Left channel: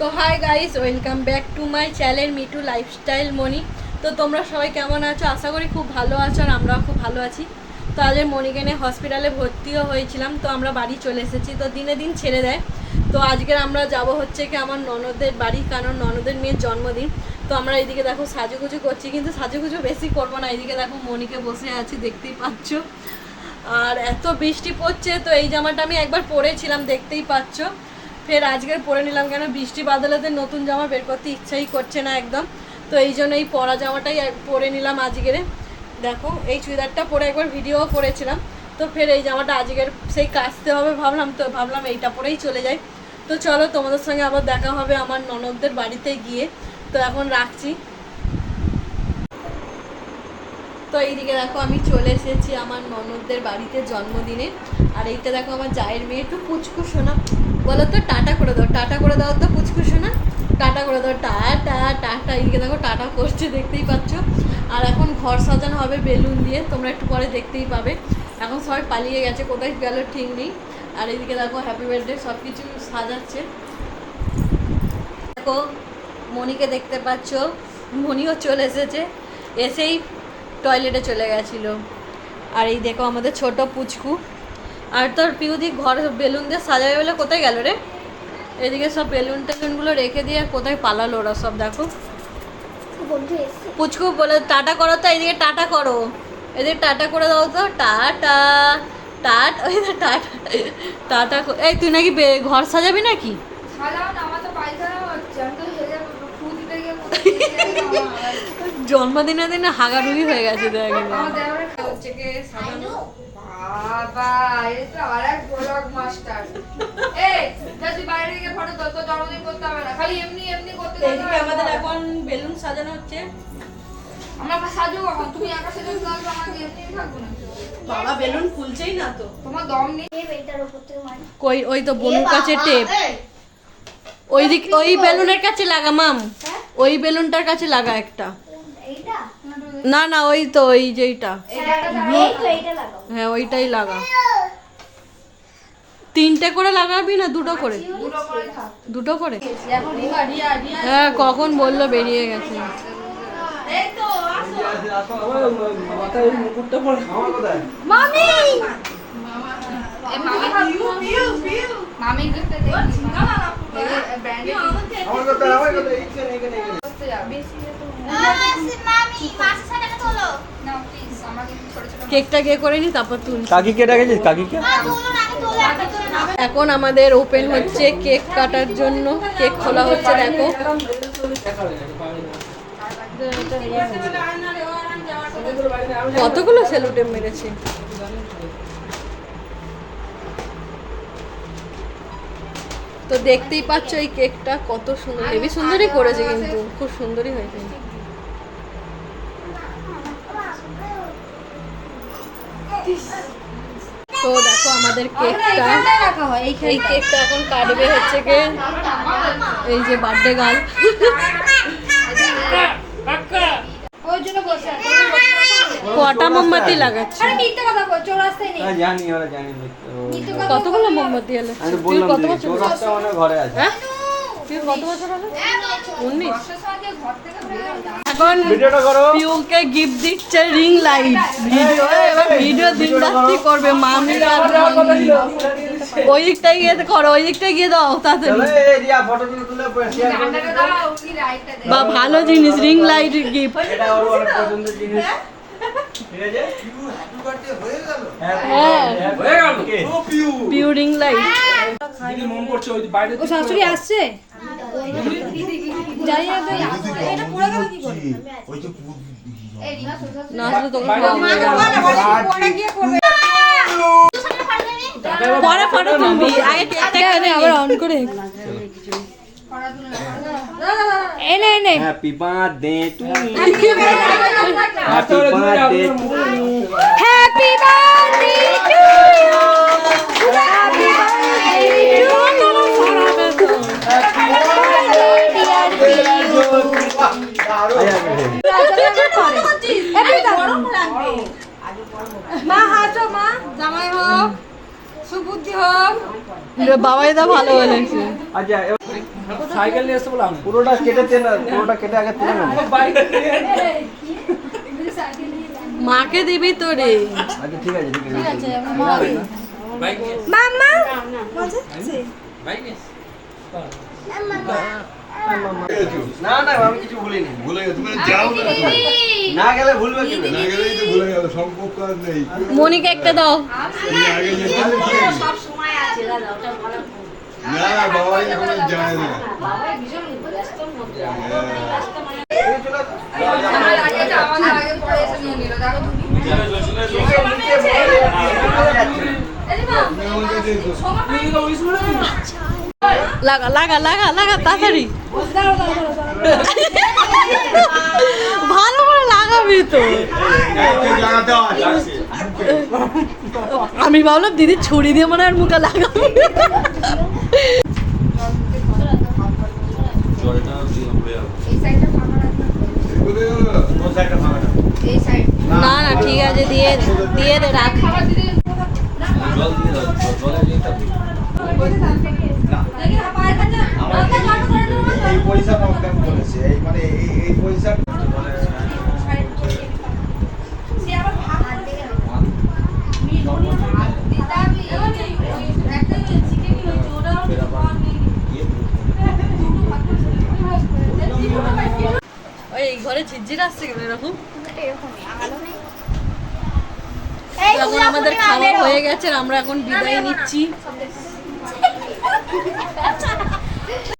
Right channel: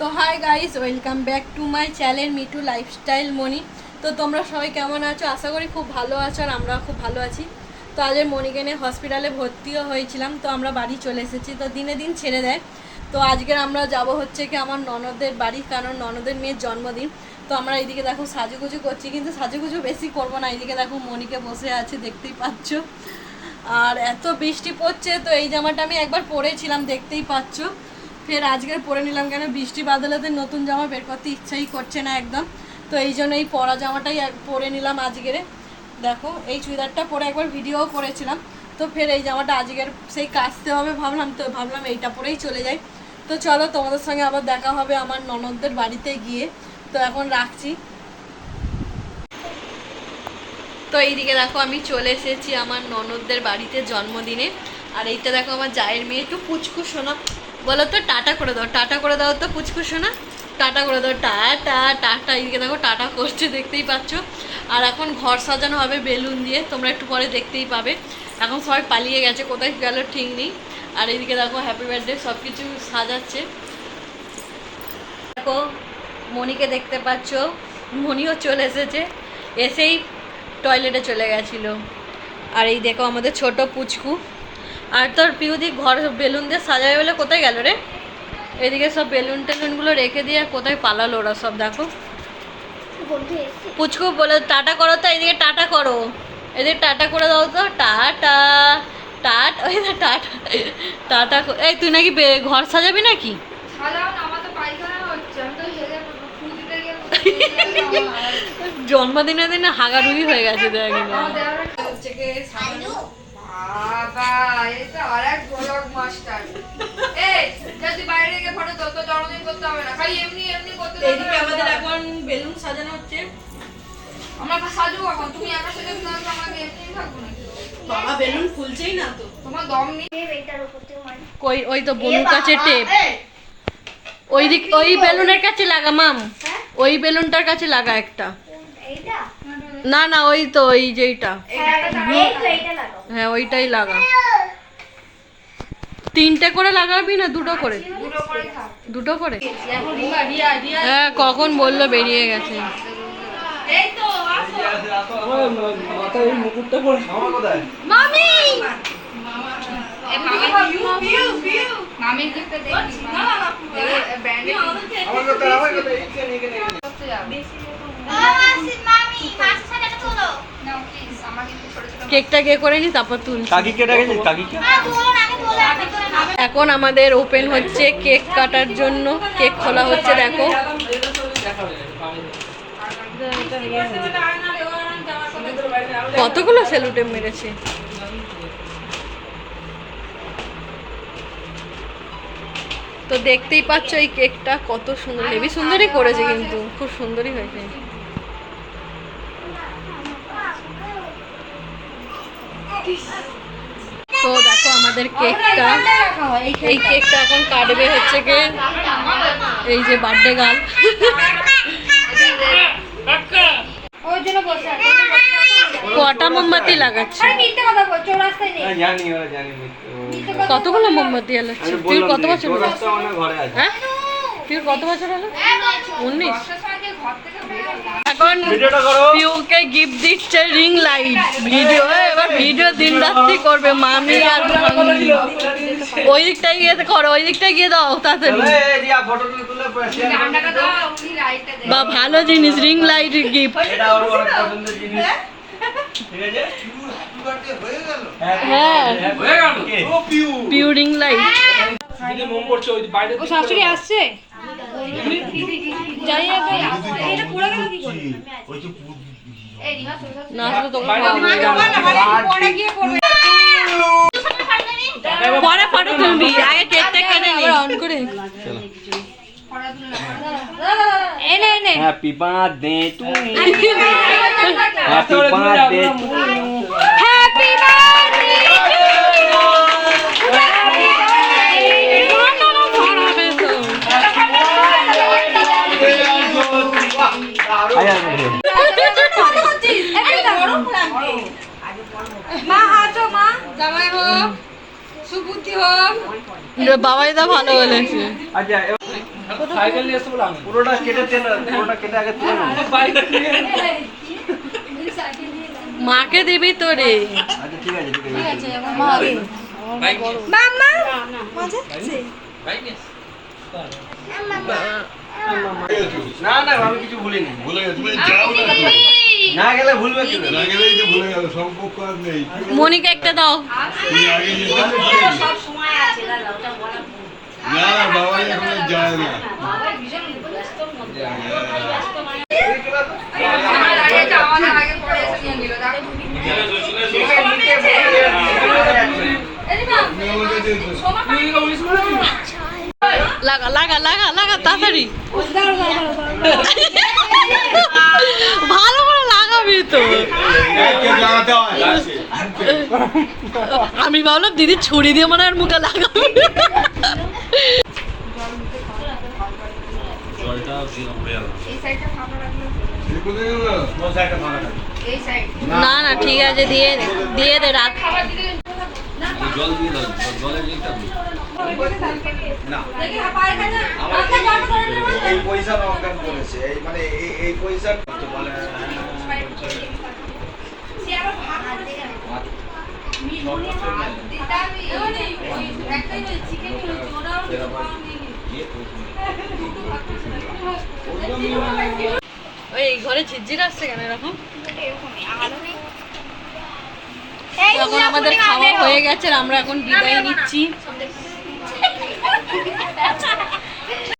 তো hi guys welcome back to my channel Mitu lifestyle Moni তো তোমরা সবাই কেমন আছো? আশা করি খুব ভালো আছো আর আমরাও খুব ভালো আছি। তো আজের মনিকে নিয়ে হসপিটালে ভর্তিও হয়েছিলাম, তো আমরা বাড়ি চলে এসেছি, তো দিনে দিন ছেড়ে দেয়। তো আজকের আমরা যাব হচ্ছে কি আমার ননদের বাড়ি, কারণ ননদের মেয়ের জন্মদিন। তো আমরা এইদিকে দেখো সাজুগুজু করছি, কিন্তু সাজুগুজু বেশি করব না এইদিকে দেখো মনিকে বসে আছে, দেখতেই পাচ্ছ। আর এত বৃষ্টি পড়ছে, তো এই জামাটা আমি একবার পরেছিলাম, দেখতেই পাচ্ছ। ফের আজকে পরে নিলাম কেন? বৃষ্টি বাদলাতে নতুন জামা বের করতে ইচ্ছাই করছে না একদম। তো এই জন্য এই পরা জামাটাই পরে নিলাম আজকের। দেখো, এই চুড়িদারটা পরে একবার ভিডিও করেছিলাম। তো ফের এই জামাটা আজকের সেই কাচতে হবে ভাবলাম, তো ভাবলাম এইটা পরেই চলে যাই। তো চলো, তোমাদের সঙ্গে আবার দেখা হবে আমার ননদদের বাড়িতে গিয়ে। তো এখন রাখছি। তো এইদিকে দেখো, আমি চলে এসেছি আমার ননদদের বাড়িতে জন্মদিনে। আর এইটা দেখো, আমার জায়ের মেয়ে। একটু পুচকু শোনা বলো তো টাটা করে দাও, টাটা করে দাও তো পুচকু শোনা টাটা করে দাও টাটা টাটা এইদিকে দেখো, টাটা করছে, দেখতেই পাচ্ছ। আর এখন ঘর সাজানো হবে বেলুন দিয়ে, তোমরা একটু পরে দেখতেই পাবে। এখন সবাই পালিয়ে গেছে, কোথায় গেল ঠিক নেই। আর এইদিকে দেখো হ্যাপি বার্থডে সব কিছু সাজাচ্ছে। দেখো মনিকে দেখতে পাচ্ছ। মনিও চলে এসেছে, এসেই টয়লেটে চলে গেছিল। আর এই দেখো, আমাদের ছোট পুচকু। আর তোর পিউদি ঘর বেলুন দিয়ে সাজাবে বলে কোথায় গেল রে? এদিকে সব বেলুন টেলুনগুলো রেখে দিয়ে আর কোথায় পালালো ওরা সব দেখো। পুচকু বলে টাটা করো তো এদিকে টাটা করো। এদিকে টাটা করে দাও তো টাটা টাট ওই না টাটা টাটা এই তুই নাকি ঘর সাজাবি নাকি? জন্মদিনে দিনে হাগারুগি হয়ে গেছে দেখ আমার দেওরের বাবা, এই তো আরেক ভোলক মাস্টার। এই, যদি বাইরে থেকে photo তোল, তোর জন্মদিন করতে হবে না। খালি এমনি এমনি করতে আমাদের এখন বেলুন সাজানো হচ্ছে। আমরা সাজু এখন, তুমি একা সেজে আমাকে এমনিই থাকব নাকি? বাবা বেলুন ফুলছেই না তো। তোমার দম নেই। কই ওই তো বনুর কাছে টেপ। ওই দিক ওই বেলুনের কাছে লাগা মাম। ওই বেলুনটার কাছে লাগা একটা। না না ওই তো ওই যেইটা। হ্যাঁ ওইটাই লাগা। তিনটে করে লাগাবি না দুটো করে? দুটো করে। হ্যাঁ কখন বলল বেরিয়ে গেছে। কেকটা কে করে নি? তারপর তুল কাকিকে ডাকেছিস? কাকিকে? এখন আমাদের ওপেন হচ্ছে কেক কাটার জন্য। কেক খোলা হচ্ছে, দেখো। কতগুলো সেলুটে মেরেছে? তো দেখতেই পাচ্ছ এই কেকটা কত সুন্দর, হেভি সুন্দরই করেছে কিন্তু, খুব সুন্দরই হয়েছে। তো দেখো আমাদের কেকটা। এই কেকটা এখন কাটবে হচ্ছে কে এই যে বার্থডে আছে। কটা মোমবাতি লাগাচ্ছে। হ্যাঁ। কতগুলো মোমবাতি জ্বালাচ্ছে তুই কত বছর হ্যাঁ? তুই কত বছর হলো? উনিশ? হয়। এখন পিউকে গিফট দিচ্ছে রিং লাইট ভিডিও এবার ভিডিও দিন রাত্রি করবে মামি আর। ওই দিকটায় গিয়ে করো ওই দিকটায় গিয়ে দাও তাড়াতাড়ি। বা ভালো জিনিস রিং লাইট গিফট এটা ওর অনেক পছন্দের জিনিস ঠিক আছে হ্যাঁ হয়ে গেল পিউ রিং লাইট ও শাশুড়ি আসছে না আসলে তোকে খাওয়াবো না, জানো। পরে গিয়ে করবে পরে ফটো তুলবি আগে কেকটা কেটে নি অন করে এনে এনে happy birthday to you happy birthday মা হাসো মা জামাই হোক সুবুদ্ধি হোক বাবাই দা ভালো বলেছে। আচ্ছা সাইকেল নিয়ে এসে পুরোটা কেটে তেল পুরোটা কেটে আগে তুলে মাকে দিবি তোরে। আচ্ছা ঠিক আছে ঠিক আছে। না না আমি কিছু ভুলিনি ভুলে গেছে তুমি যাও না না গেলে ভুলবে কি না গেলেই তো ভুলে গেল সম্পর্ক আর নেই। মনিকে একটা দাও। তুমি আগে যেতে না না বাবা এখন যায় না। বলে। লাগা লাগা লাগা লাগা তাড়াতাড়ি। ভালো করে লাগাবি তো? আমি ভাবলাম দিদি ছুরি দিয়ে মনে আর মুখে লাগাবে। না না, ঠিক আছে, দিয়ে দিয়ে দে, রাখ। পয়সা ওই ঘরে ঝিরঝির আসছে কেন এরকম? এখন আমাদের খাওয়া হয়ে গেছে আর আমরা এখন বিদায় নিচ্ছি।